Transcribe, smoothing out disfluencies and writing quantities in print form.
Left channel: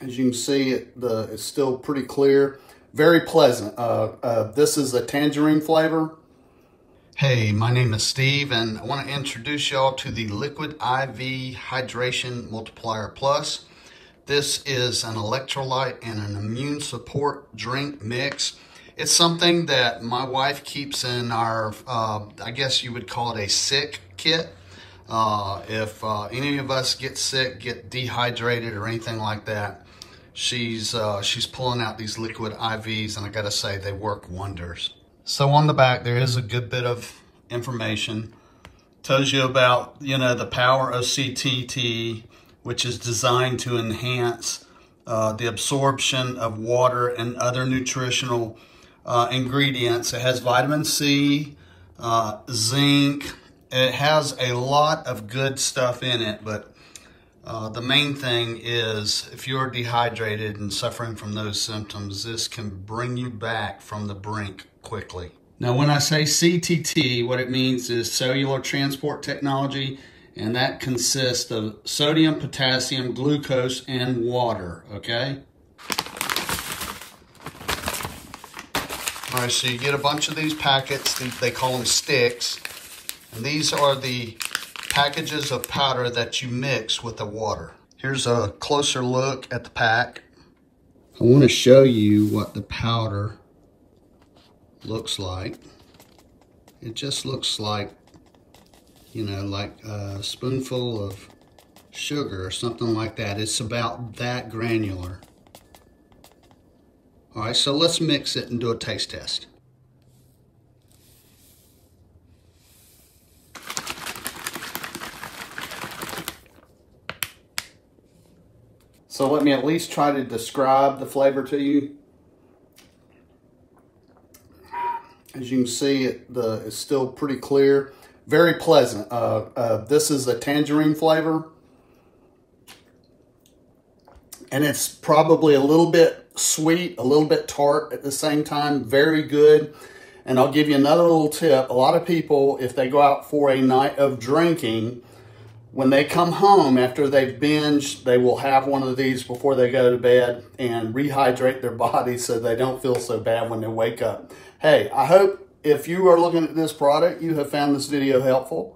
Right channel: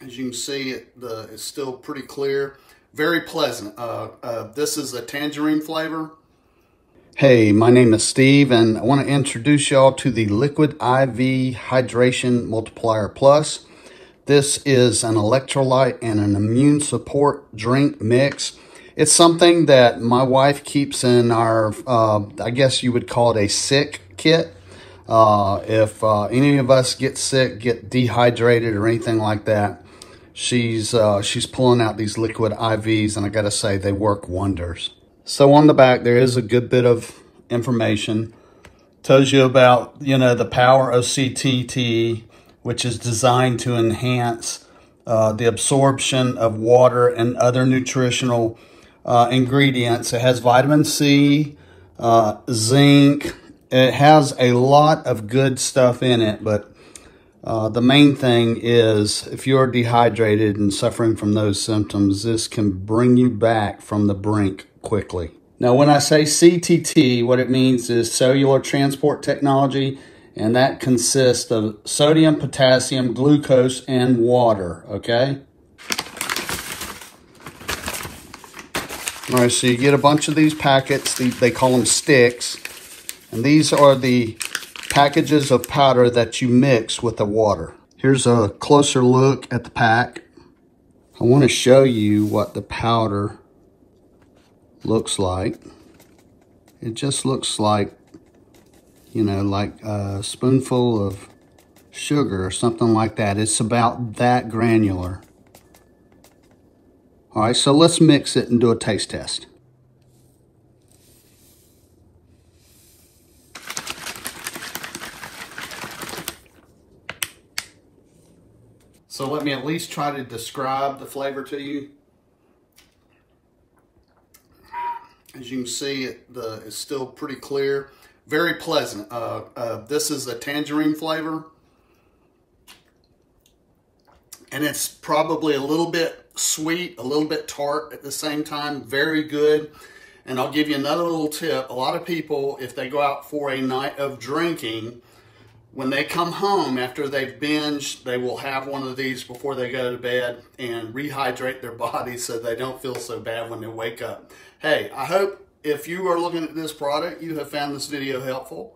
As you can see, it's still pretty clear. Very pleasant. This is a tangerine flavor. Hey, my name is Steve, and I want to introduce y'all to the Liquid I.V Hydration Multiplier Plus. This is an electrolyte and an immune support drink mix. It's something that my wife keeps in our, I guess you would call it a sick kit. If any of us get sick, get dehydrated or anything like that, she's pulling out these Liquid IVs, and I gotta say, they work wonders. So on the back, there is a good bit of information. Tells you about, the power of CTT, which is designed to enhance the absorption of water and other nutritional ingredients. It has vitamin C, zinc. It has a lot of good stuff in it, but the main thing is if you're dehydrated and suffering from those symptoms, this can bring you back from the brink quickly. Now, when I say CTT, what it means is Cellular Transport Technology, and that consists of sodium, potassium, glucose, and water, okay? All right, so you get a bunch of these packets. They call them sticks. And these are the packages of powder that you mix with the water. Here's a closer look at the pack. I want to show you what the powder looks like. It just looks like, like a spoonful of sugar or something like that. It's about that granular. All right, so let's mix it and do a taste test. So let me at least try to describe the flavor to you. As you can see, it's still pretty clear. Very pleasant. This is a tangerine flavor. And it's probably a little bit sweet, a little bit tart at the same time. Very good. And I'll give you another little tip. A lot of people, if they go out for a night of drinking, when they come home after they've binged, they will have one of these before they go to bed and rehydrate their body so they don't feel so bad when they wake up. Hey, I hope if you are looking at this product, you have found this video helpful.